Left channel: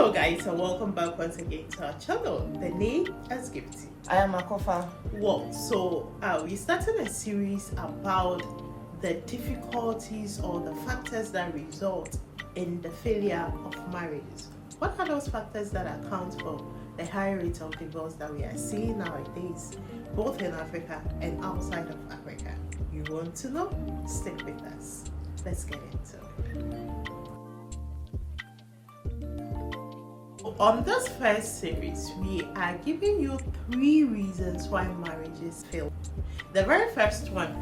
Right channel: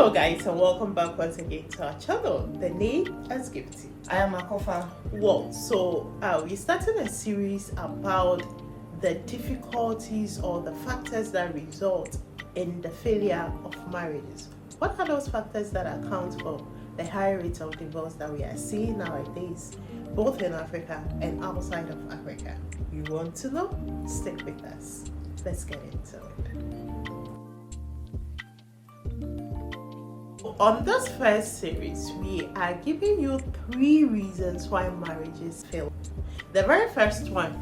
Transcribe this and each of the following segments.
Hello guys, and welcome back once again to our channel. The name is Gifty. I am Akofa. Well, so we started a series about the difficulties or the factors that result in the failure of marriages. What are those factors that account for the high rate of divorce that we are seeing nowadays, both in Africa and outside of Africa? You want to know? Stick with us. Let's get into it. On this first series, we are giving you 3 reasons why marriages fail. The very first one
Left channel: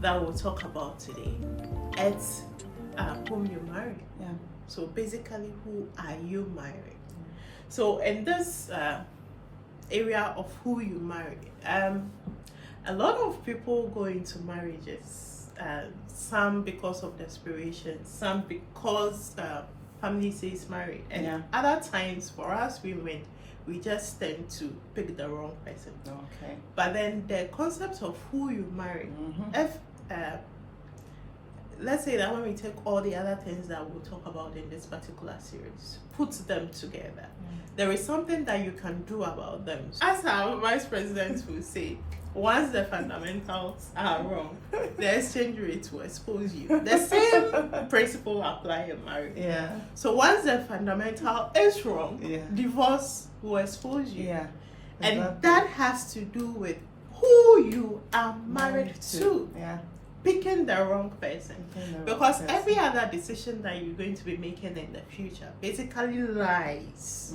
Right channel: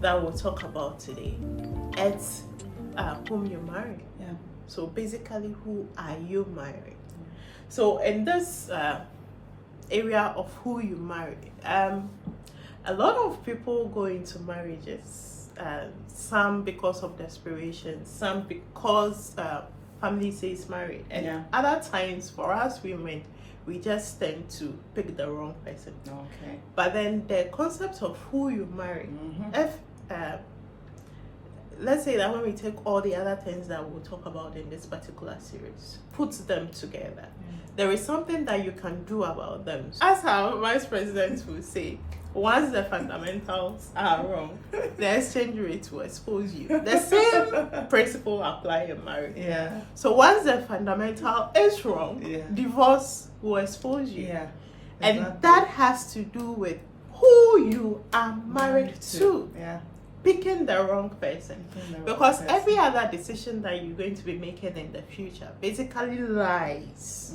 that we'll talk about today is whom you marry. Yeah. So basically, who are you marrying? So in this area of who you marry, a lot of people go into marriages, some because of desperation, some because family says married, and other times for us women, we just tend to pick the wrong person. Okay. But then the concept of who you marry, if let's say that when we take all the other things that we'll talk about in this particular series, put them together, there is something that you can do about them. As our vice president will say, once the fundamentals are wrong, the exchange rate will expose you. The same principle apply in marriage. Yeah. So once the fundamental is wrong, divorce will expose you. Yeah. And that has to do with who you are married to. Yeah. Picking the wrong person. Because every other decision that you're going to be making in the future basically lies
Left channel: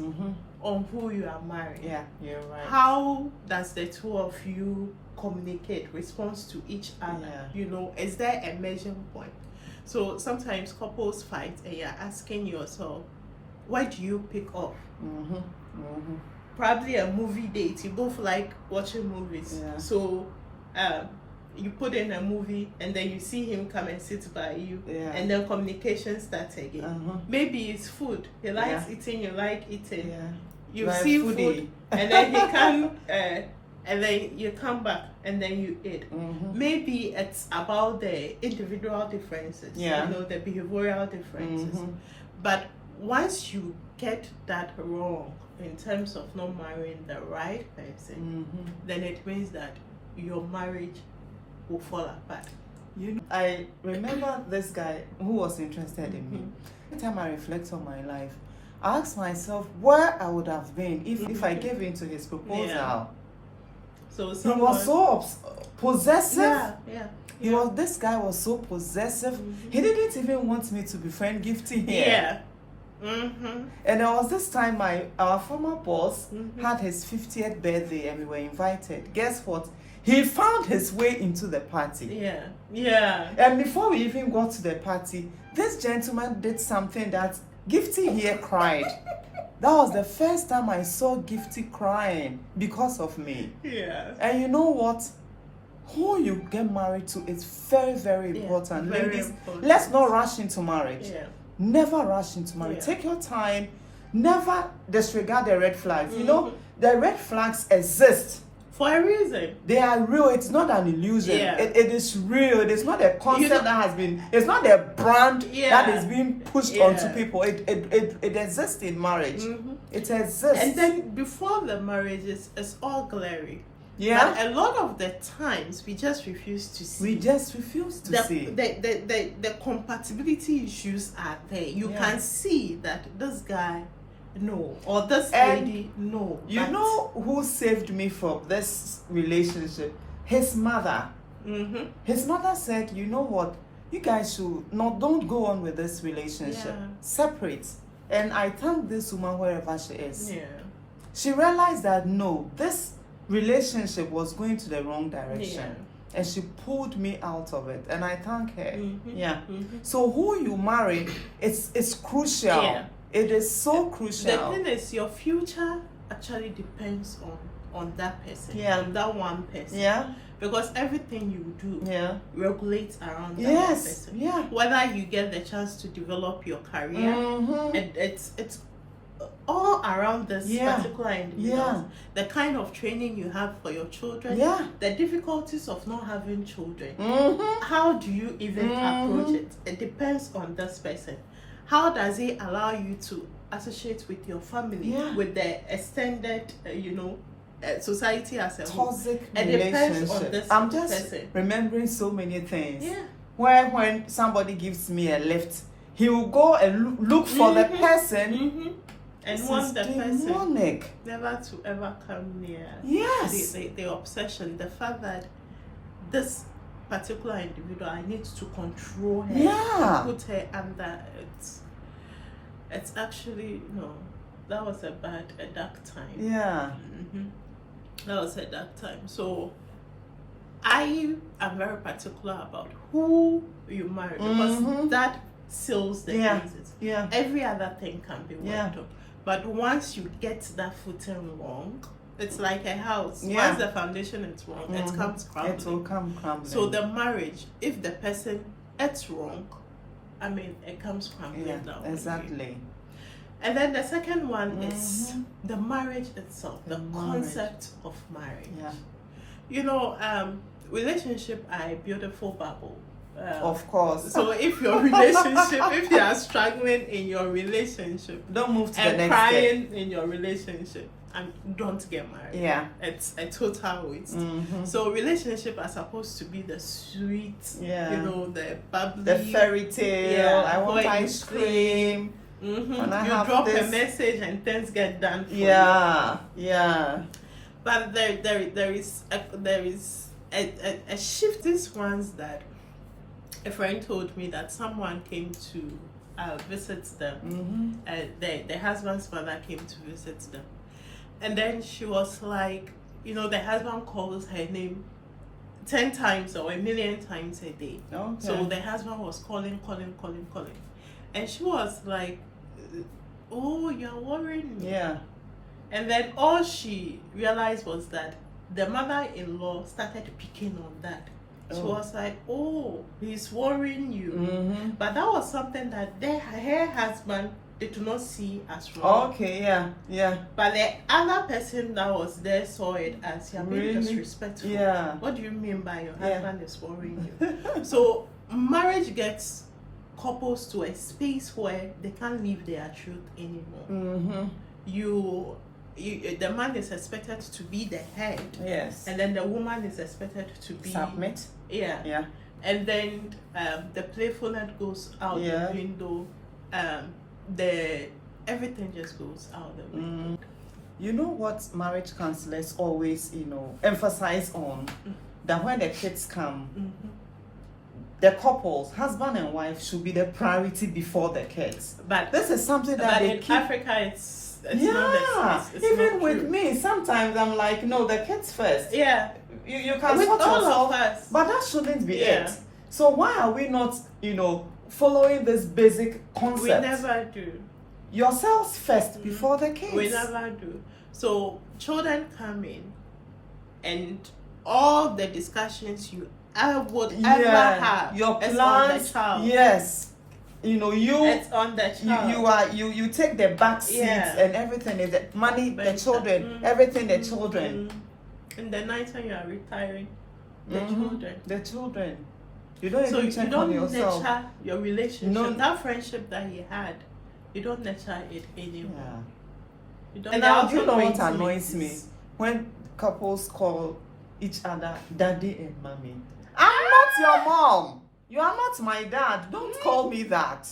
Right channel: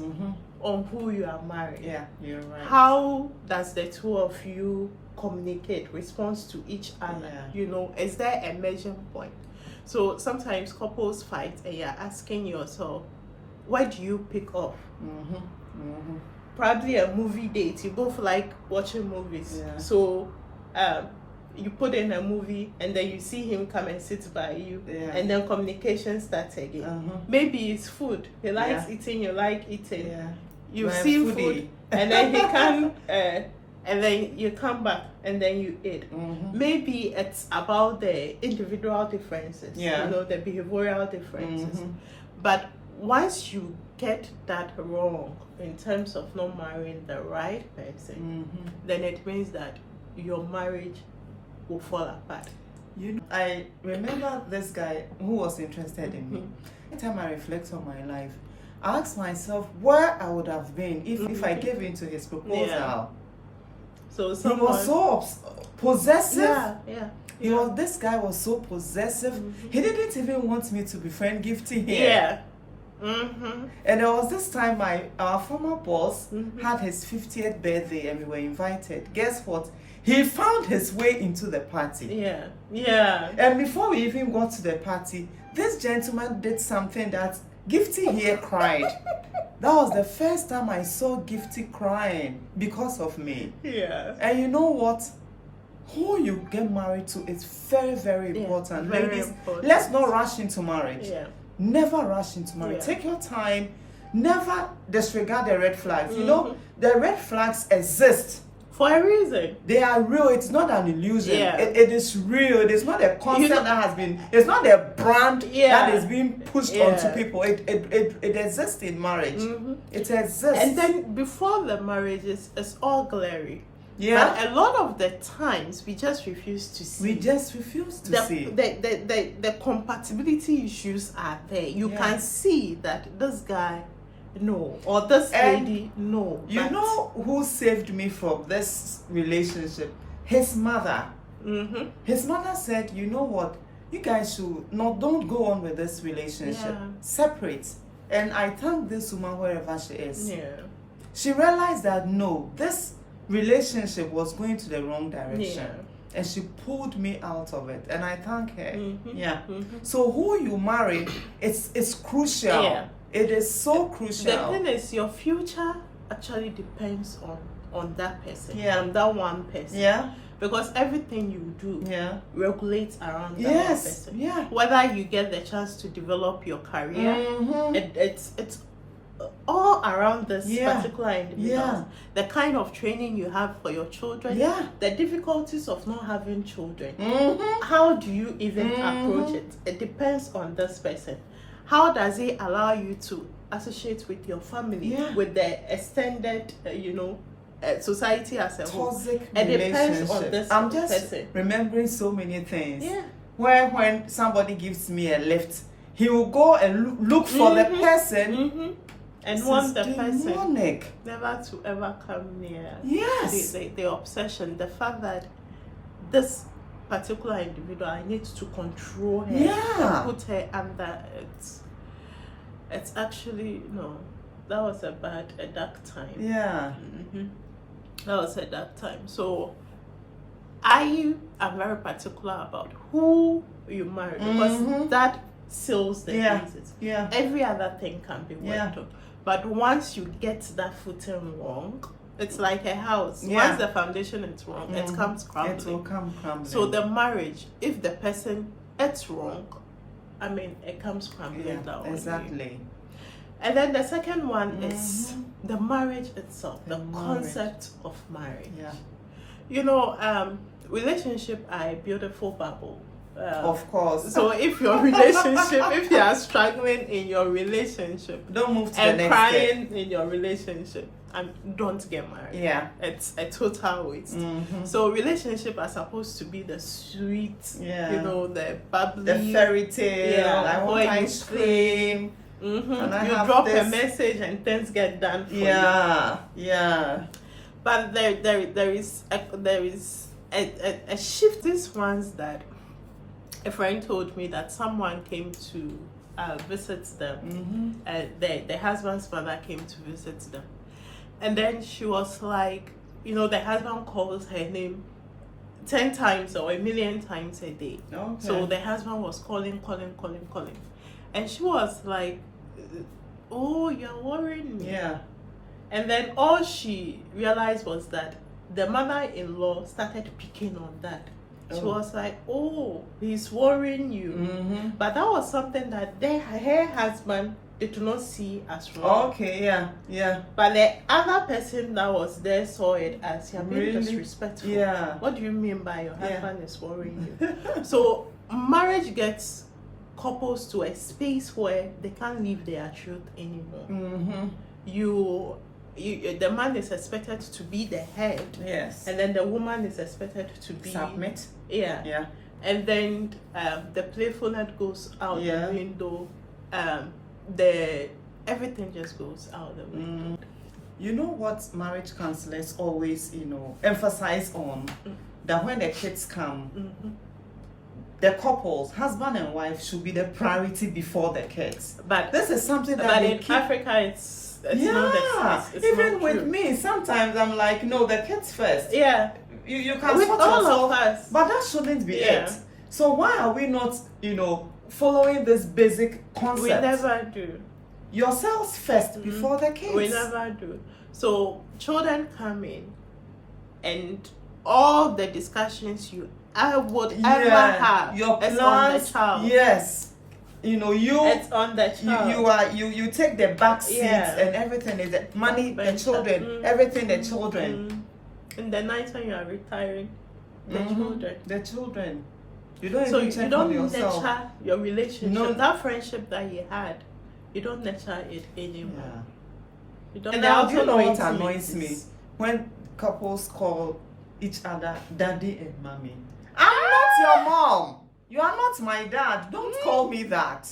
on who you are marrying. Yeah, you're right. How does the two of you communicate, response to each other? Yeah. You know, is there a measuring point? So sometimes couples fight and you're asking yourself, why do you pick off? Probably a movie date. You both like watching movies. Yeah. So you put in a movie and then you see him come and sit by you, and then communication starts again. Maybe it's food. He likes eating, you like eating. Yeah. You Like see foodie. food, and then he come, and then you come back, and then you eat. Maybe it's about the individual differences, you know, the behavioral differences. But once you get that wrong in terms of not marrying the right person, then it means that your marriage will fall apart. You know, I remember this guy who was interested in me. Every time I reflect on my life, I ask myself where I would have been if I gave in to his proposal. Yeah. So he was so possessive. This guy was so possessive. He didn't even want me to befriend Gifty here. And there was this time our former boss had his 50th birthday and we were invited. Guess what? He found his way into the party. And before we even got to the party, this gentleman did something that Gifty here cried. That was the first time I saw Gifty crying because of me. And you know what? Who you get married to is very, very important. Very Ladies, important. let's not rush into marriage. Never rush into marriage. Take your time. Never disregard the red flags. You know, the red flags exist. For a reason. They are real. It's not an illusion. It is real. It is not a concept that has been, it's not a brand that is being pushed onto people. It exists in marriage. It exists. And then before the marriage, it's all glary. But a lot of the times, we just refuse to see. We just refuse to see. The compatibility issues are there. You can see that this guy, no, or this lady, no. You know who saved me from this relationship? His mother. His mother said, you know what? You guys don't go on with this relationship. Separate. And I thank this woman wherever she is. She realized that no, this relationship was going to the wrong direction. And she pulled me out of it. And I thank her. So who you marry, it's crucial. It is so crucial. The thing is, your future actually depends on that person, on that one person. Because everything you do regulates around that person. Whether you get the chance to develop your career, it's all around this particular individual. The kind of training you have for your children, the difficulties of not having children. How do you even approach it? It depends on this person. How does he allow you to associate with your family, with the extended, society as a whole. Toxic it depends on this I'm just person. remembering so many things. Yeah. Where when somebody gives me a lift, he will go and look for the person. And want the person demonic. never to ever come near. Yes. The obsession, the fact that this particular individual, I need to control her, and put her under. It's actually, that was a dark time. Yeah. That was a dark time. So I am very particular about who you marry, because that seals the basis. Yeah. Every other thing can be worked on. But once you get that footing wrong, it's like a house. Once the foundation is wrong, it comes crumbling. It will come crumbling. So the marriage, if the person it's wrong, it comes crumbling down. Exactly. And then the second one is the marriage itself, the concept of marriage. Yeah. Relationship are a beautiful bubble. Of course. So if your relationship, if you are struggling in your relationship, don't move to the next step. And crying in your relationship, and don't get married. Yeah. It's a total waste. So relationship are supposed to be the sweet, the bubbly, the fairy tale. I want ice cream. You drop a message and things get done for you. Yeah. But there is a shift. These ones that a friend told me that someone came to visit them. The husband's mother came to visit them, and then she was like, the husband calls her name 10 times or 1,000,000 times a day. Okay. So the husband was calling, and she was like, "Oh, you're worrying me." Yeah. And then all she realized was that the mother-in-law started picking on that. She was like, "Oh, he's worrying you." But that was something that her husband did not see as wrong. Okay, yeah. But the other person that was there saw it as you're being disrespectful. Yeah. What do you mean by your husband is worrying you? So marriage gets couples to a space where they can't live their truth anymore. The man is expected to be the head. Yes. And then the woman is expected to be submit. Yeah. And then the playfulness goes out the window. Everything just goes out the window. You know what marriage counselors always, emphasize on? That when the kids come, the couples, husband and wife, should be the priority before the kids. But this is something that in Africa it's not the case. Even with me, sometimes I'm like, no, the kids first. Yeah. You can with sort all yourself, of us. But that shouldn't be it. So why are we not, following this basic concept? We never do. Yourselves first before the kids. We never do. So children come in, and all the discussions you would ever have, your plans, on the child. Yes. It's on the child. You take the back seats and everything is the money, the children, everything the children. In the night when you are retiring, the children. You don't even check on yourself. Nurture your relationship. That friendship that you had, you don't nurture it anymore. You don't. And now, do you know what annoys me? When couples call each other daddy and mommy. I'm not your mom. You are not my dad. Don't call me that.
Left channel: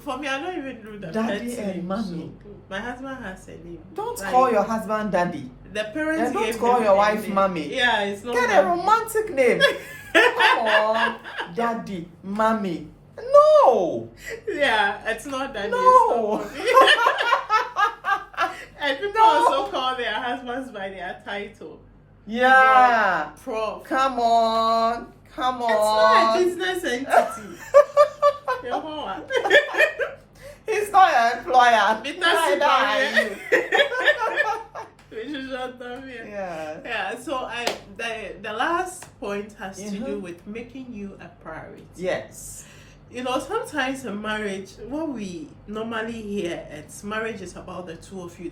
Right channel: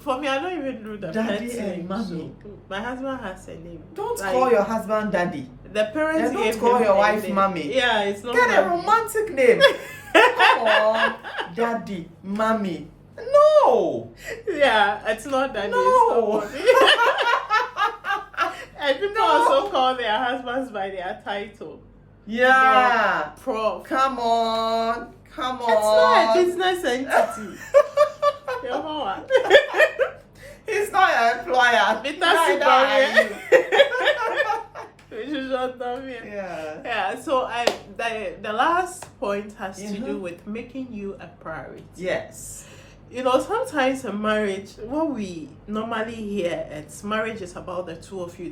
For me, I don't even do the daddy and mommy. So, my husband has a name. Don't call your husband daddy. The parents and don't call your wife mommy. Yeah, it's not. Get a romantic name. Come on, daddy, mommy. No. Yeah, it's not daddy. No. And people also call their husbands by their title. Yeah. Prof. Come on. It's not a business entity. You know what? He's not your employer. It doesn't We should shut down here. Yeah. So the last point has to do with making you a priority. Yes. Sometimes in marriage, what we normally hear is marriage is about the two of you.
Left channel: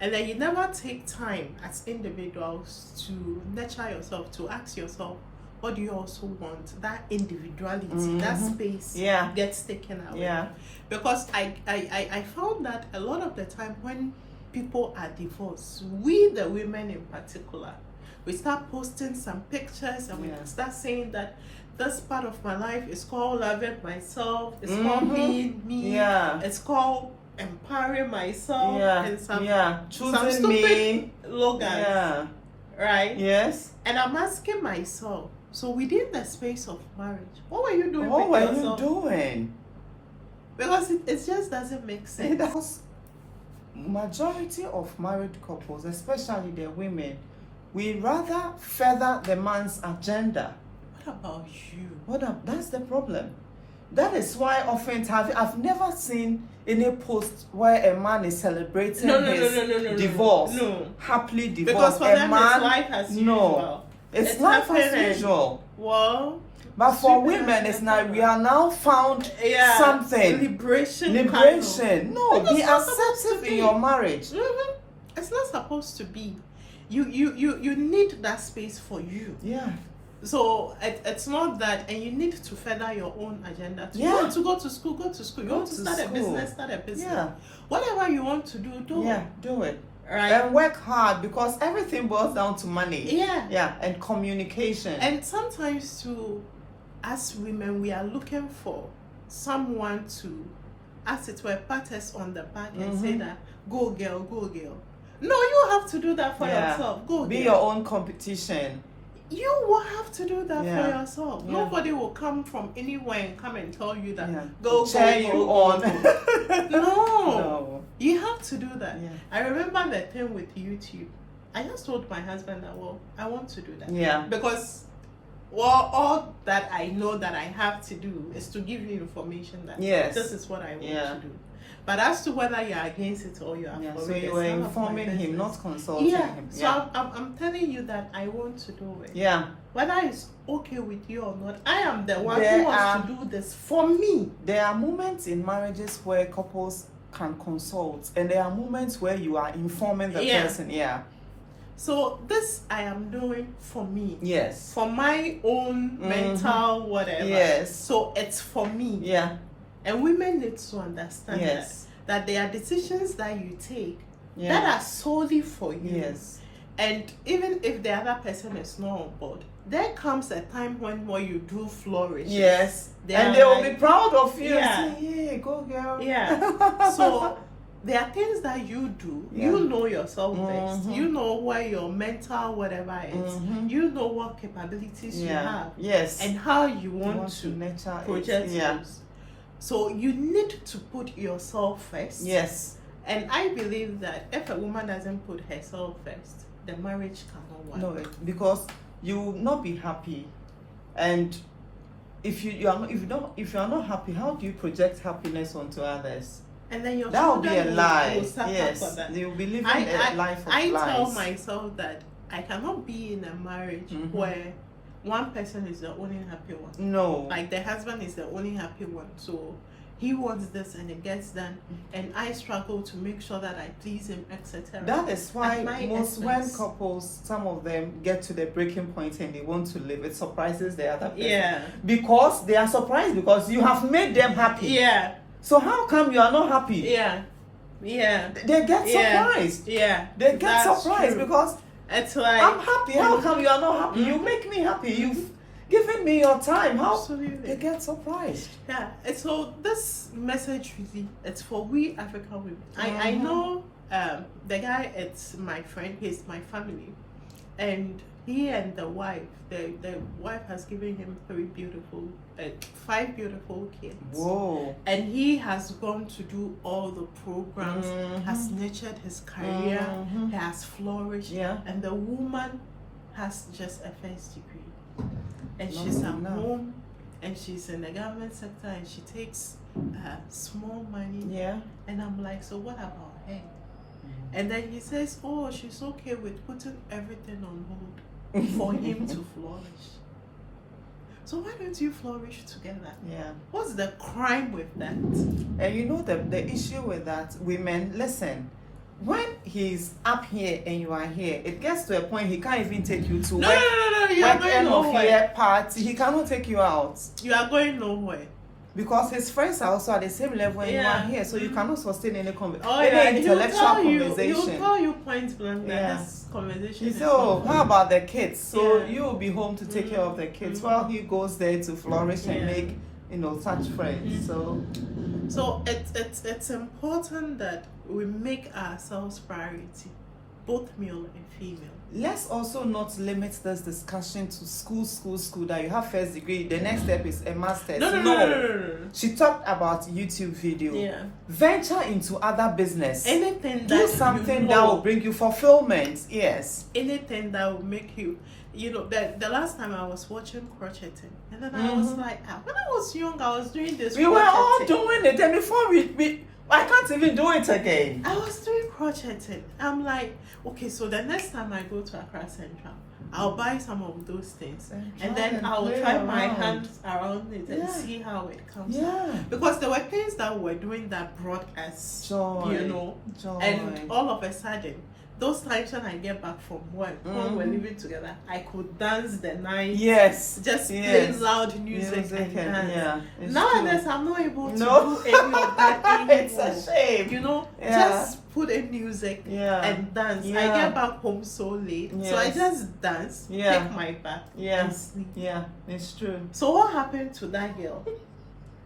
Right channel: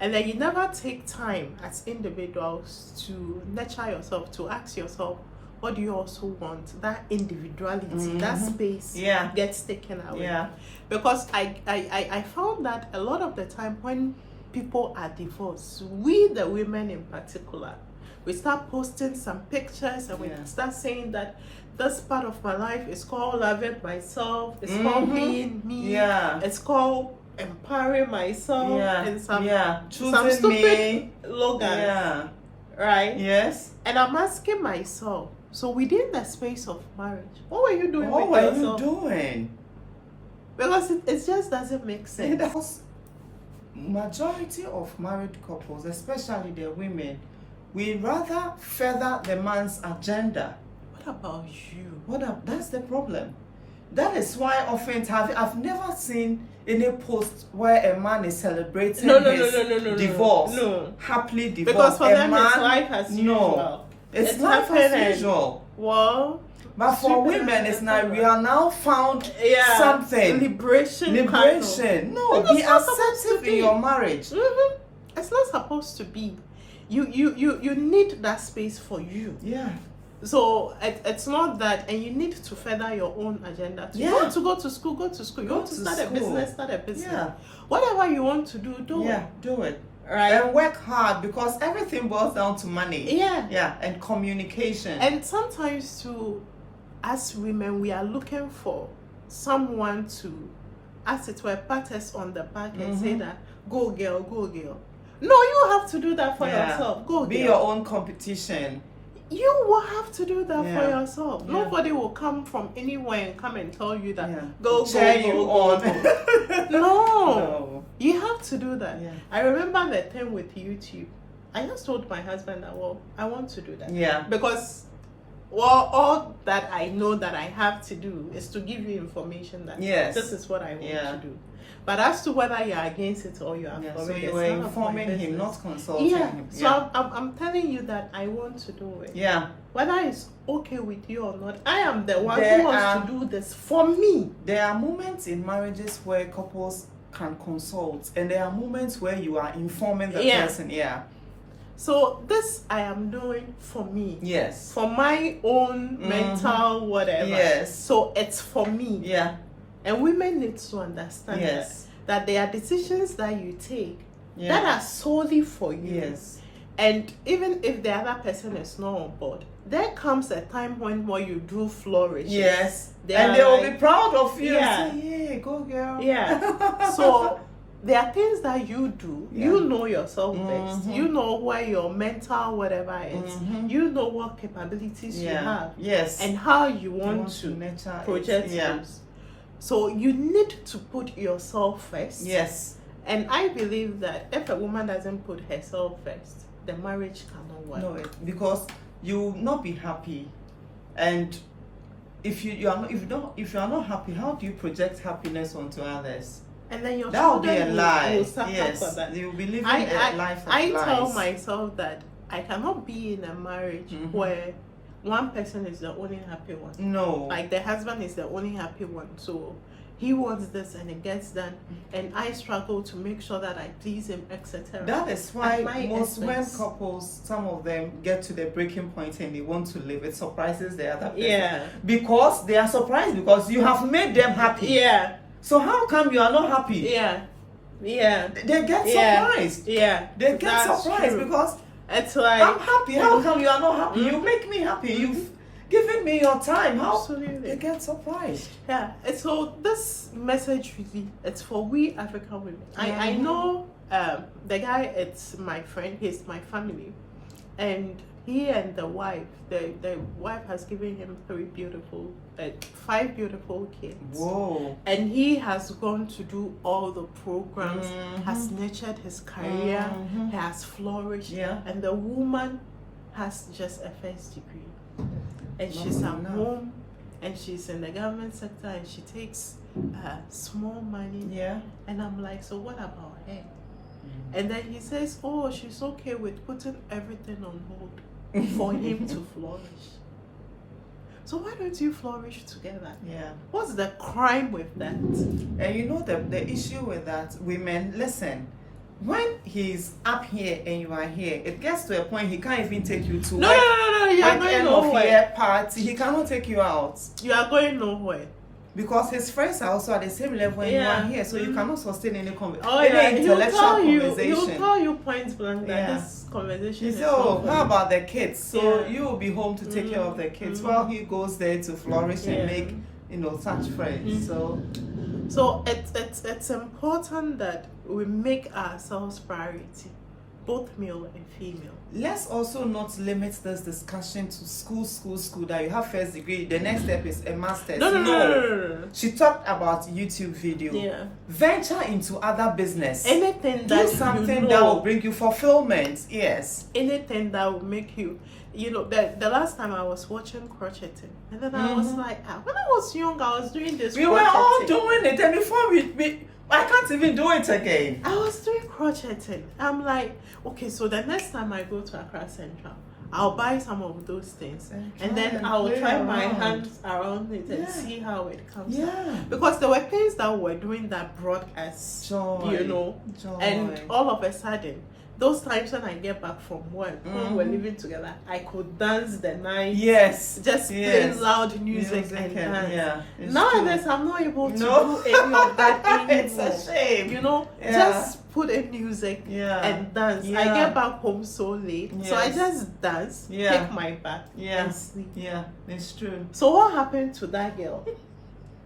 And then you never take time as individuals to nurture yourself, to ask yourself, what do you also want? That individuality, that space gets taken away. Yeah. Because I found that a lot of the time when people are divorced, we the women in particular, we start posting some pictures and we start saying that this part of my life is called loving myself, it's called being me, it's called empowering myself, and some stupid slogans, right? Yes. And I'm asking myself, so within the space of marriage, what were you doing what with were yourself? you doing? Because it just doesn't make sense. Majority of married couples, especially the women, we rather further the man's agenda. What about you? That's the problem. That is why often I've never seen any post where a man is celebrating his divorce, happily divorced. Because for them it's life as usual. It's life as usual. Well, but for women, it's not. We are now found something. Liberation. Kind of. No, be assertive in your marriage. It's not supposed to be. You need that space for you. Yeah. So it's not that, and you need to further your own agenda. You want to go to school, go to school. You want to start a business, start a business. Yeah. Whatever you want to do, do it. Do it. Right. And work hard, because everything boils down to money. Yeah. And communication. And sometimes too, as women, we are looking for someone to, as it were, pat us on the back and say that, go girl, go girl. No, you have to do that for yourself. Go be girl. Your own competition. You will have to do that for yourself. Nobody will come from anywhere and come and tell you that go on. No. You have to do that. I remember the thing with YouTube. I just told my husband that, well, I want to do that. Yeah. Because all that I know that I have to do is to give you information that this is what I want to do. But as to whether you're against it or you are for it, so you were informing him, not consulting him. So I'm telling you that I want to do it. Yeah. Whether it's okay with you or not, I am the one who wants to do this for me. There are moments in marriages where couples can consult, and there are moments where you are informing the person. So this I am doing for me. Yes. For my own mental whatever. Yes. So it's for me. Yeah. And women need to understand that there are decisions that you take that are solely for you. Yes. And even if the other person is not on board, there comes a time when what you do flourishes. Yes. And they will be proud of you. Yeah, go girl. Yeah. So there are things that you do. You know yourself best. You know where your mental whatever is. You know what capabilities you have. Yes. And how you want to project those. So you need to put yourself first. Yes. And I believe that if a woman doesn't put herself first, the marriage cannot work. No, because you will not be happy. And if you are not happy, how do you project happiness onto others? And then your that will be a lie. Yes, they will be living a life of lies. I tell myself that I cannot be in a marriage where one person is the only happy one. No. Like the husband is the only happy one. So he wants this and it gets done. And I struggle to make sure that I please him, etc. That is why when couples, some of them get to the breaking point and they want to leave, it surprises the other person. Yeah. Because they are surprised because you have made them happy. Yeah. So how come you are not happy? Yeah. Yeah. They get surprised. Yeah. They get surprised because it's like, I'm happy. How come you are not happy? You make me happy. You've given me your time. How? Absolutely. They get surprised. Yeah. And so this message really, it's for we African women. I know the guy, it's my friend, he's my family. And he and the wife, the wife has given him 5 beautiful kids. Whoa. And he has gone to do all the programs, has nurtured his career, he has flourished. Yeah. And the woman has just a first degree. And she's at home, and she's in the government sector, and she takes small money. Yeah. And I'm like, so what about her? And then he says, oh, she's okay with putting everything on hold for him to flourish. So why don't you flourish together? Yeah. What's the crime with that? And you know the issue with that, women, listen, when he's up here and you are here, it gets to a point he can't even take you to no. You are going nowhere. Party. He cannot take you out. You are going nowhere. Because his friends are also at the same level when you are here, so you cannot sustain any intellectual conversation. He will tell you point blank that this conversation is how about the kids? So you will be home to take care of the kids while he goes there to flourish and make such friends. So it's important that we make ourselves priority, both male and female. Let's also not limit this discussion to school that you have first degree, the next step is a master's. No. She talked about YouTube video. Yeah. Venture into other business. Anything do something that will bring you fulfillment. Yes. Anything that will make you, the last time I was watching crocheting, and then I was like, when I was young, I was doing this. We were all doing it, and before I can't even do it again. I was doing crocheting. I'm like, okay, so the next time I go to Accra Central, I'll buy some of those things, and then I'll try my hands around it and see how it comes out. Because there were things that we were doing that brought us joy. And all of a sudden, those times when I get back from work, when we're living together, I could dance the night. Yes. Just playing loud music and dance. Nowadays, I'm not able to do any of that anymore. It's a shame. Just put in music and dance. I get back home so late, so I just dance, take my bath, and sleep. Yeah, it's true. So what happened to that girl?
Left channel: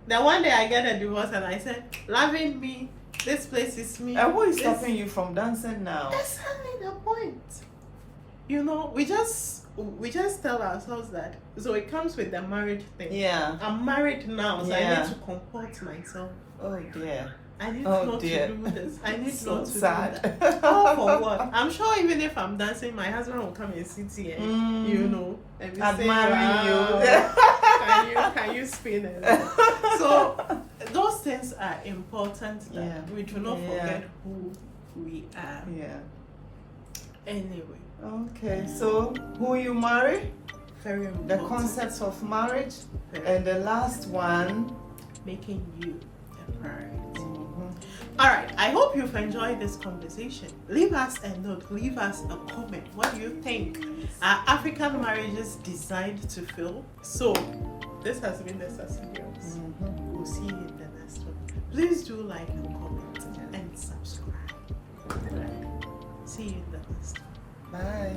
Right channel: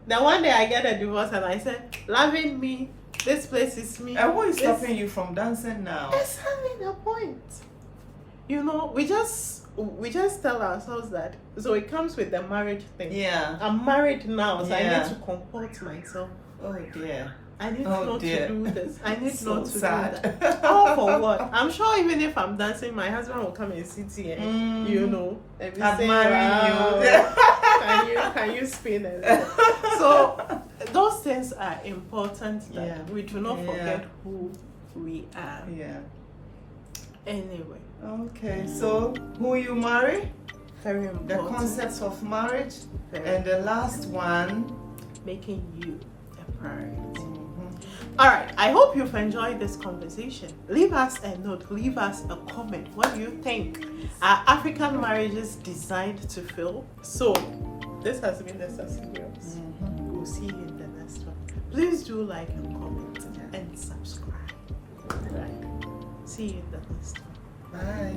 Then one day I get a divorce and I said, loving me, this place is me. And what is stopping you from dancing now? Exactly the point. We just tell ourselves that. So it comes with the marriage thing. Yeah. I'm married now, so I need to comport myself. Oh dear. I need not to do this. I need not to sad. do that. All for what? I'm sure even if I'm dancing, my husband will come and sit here, and be admiring you. Can you spin it? So those things are important that we do not forget who we are. Yeah. Anyway. Okay. So who you marry? Very important. The concepts of marriage, and the last one, making you a priority. Alright, I hope you've enjoyed this conversation. Leave us a note, leave us a comment. What do you think? Are African marriages designed to fail? So, this has been the Sassidios. We'll see you in the next one. Please do like and comment and subscribe. Right. See you in the next one. Bye.